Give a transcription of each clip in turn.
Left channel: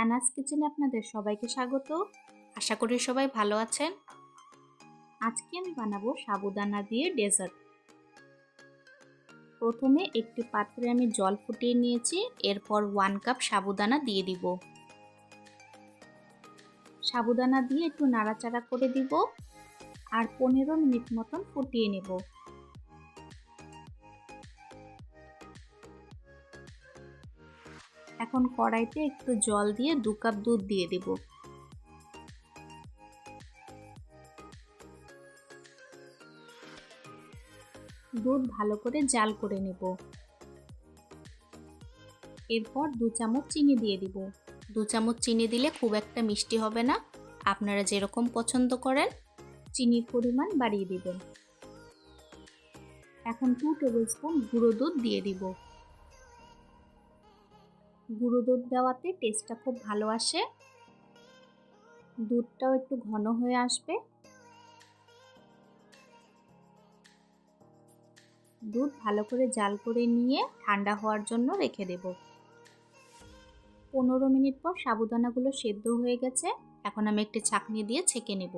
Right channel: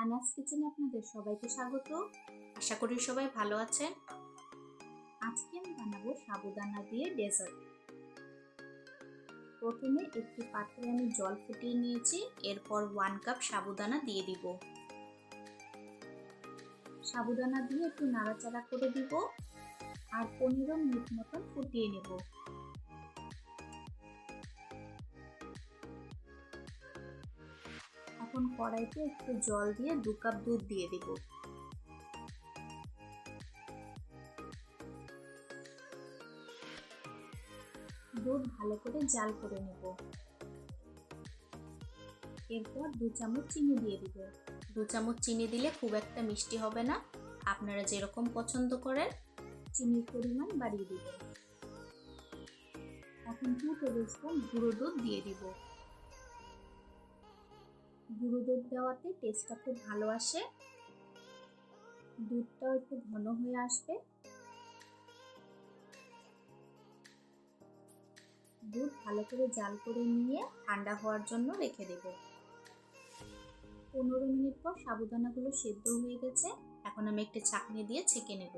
অ্যানাস কিচেনে আপনাদের সবাইকে স্বাগত। আশা করি সবাই ভালো আছেন। আজকে আমি বানাবো সাবুদানা দিয়ে ডেজার্ট। প্রথমে একটি পাত্রে আমি জল ফুটিয়ে নিয়েছি, এরপর ওয়ান কাপ সাবুদানা দিয়ে দিব। সাবুদানা দিয়ে একটু নাড়াচাড়া করে দিব, আর পনেরো মিনিট মতন ফুটিয়ে নেব। এখন কড়াইতে একটু জল দিয়ে দু কাপ দুধ দিয়ে দেব। দুধ ভালো করে জাল করে নেব। এরপর দু চামচ চিনি দিয়ে দিব। দু চামচ চিনি দিলে খুব একটা মিষ্টি হবে না। আপনারা যেরকম পছন্দ করেন, চিনির পরিমাণ বাড়িয়ে দিবেন। এখন টু টেবিল স্পুন গুঁড়ো দুধ দিয়ে দিব। গুঁড়ো দুধ দেওয়াতে টেস্টটা খুব ভালো আসে। দুধটাও একটু ঘন হয়ে আসবে। দুধ ভালো করে জাল করে নিয়ে ঠান্ডা হওয়ার জন্য রেখে দেব। পনেরো মিনিট পর সাবুদানাগুলো সেদ্ধ হয়ে গেছে। এখন আমি একটি ছাঁকনি দিয়ে ছেঁকে নেব।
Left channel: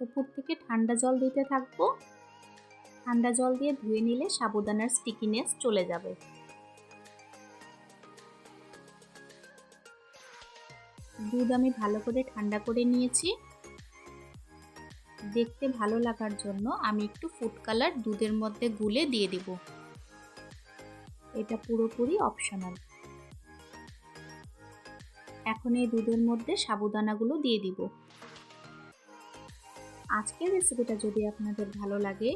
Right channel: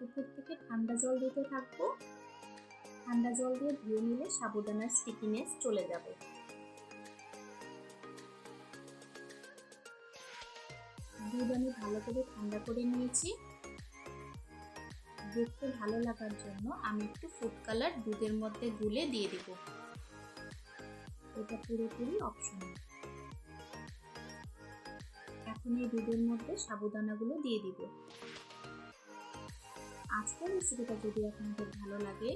উপর থেকে ঠান্ডা জল দিতে থাকব। ঠান্ডা জল দিয়ে ধুয়ে নিলে সাবুদানার স্টিকিনেস চলে যাবে। দুধ আমি ভালো করে ঠান্ডা করে নিয়েছি। দেখতে ভালো লাগার জন্য আমি একটু ফুড কালার দুধের মধ্যে গুলে দিয়ে দিব। এটা পুরোপুরি অপশনাল এখন এই দুধের মধ্যে সাবুদানাগুলো দিয়ে দিব। আজকের রেসিপিটা যদি আপনাদের ভালো লাগে,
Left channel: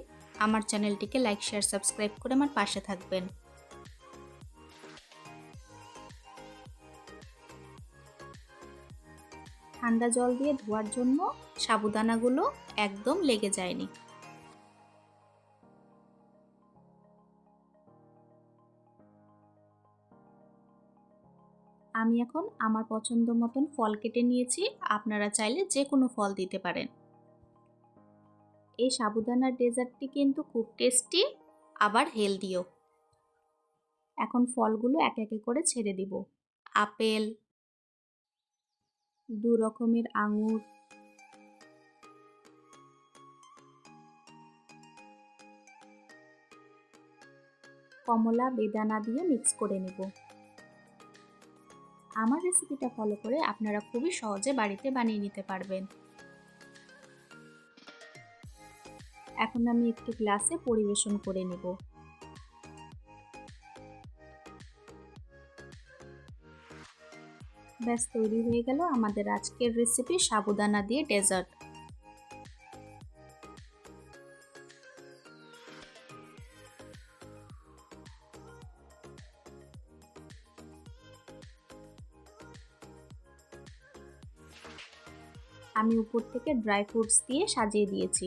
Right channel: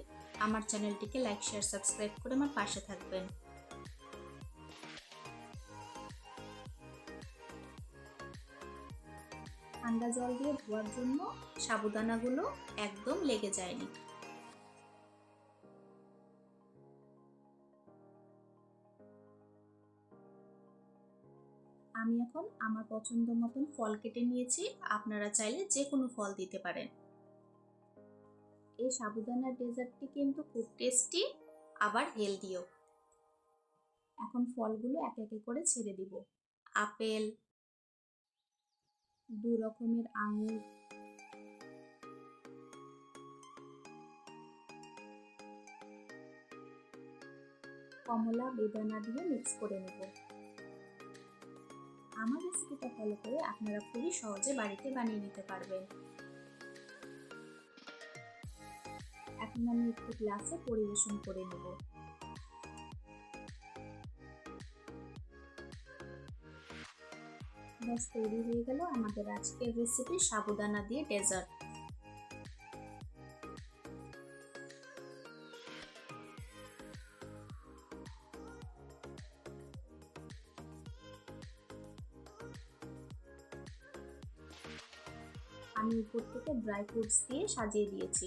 আমার চ্যানেলটিকে লাইক শেয়ার সাবস্ক্রাইব করে আমার পাশে থাকবেন। ঠান্ডা জল দিয়ে ধোয়ার জন্য সাবুদানাগুলো একদম লেগে যায়নি। আমি এখন আমার পছন্দ মতন ফল কেটে নিয়েছি, আপনারা চাইলে যে কোনো ফল দিতে পারেন। এই সাবুদানার ডেজার্টটি কিন্তু খুব টেস্টি, আবার হেলদিও। এখন ফলগুলো এক একে করে ছেড়ে দিব। আপেল দু রকমের আঙুর। কমলা, বেদানা দিয়ে মিক্স করে নেব। আমার রেসিপিটা ফলো করে আপনারা খুবই সহজে বাড়িতে বানিয়ে নিতে পারবেন। এখন আমি একটি গ্লাসে পরিবেশন করে নেব। ব্যাস, তৈরি হয়ে গেল আমাদের আজকের রেসিপি সাবুদানা দিয়ে ডেজার্ট আমি উপর থেকে ড্রাই ফ্রুটস দিয়ে সাজিয়ে দিয়েছি।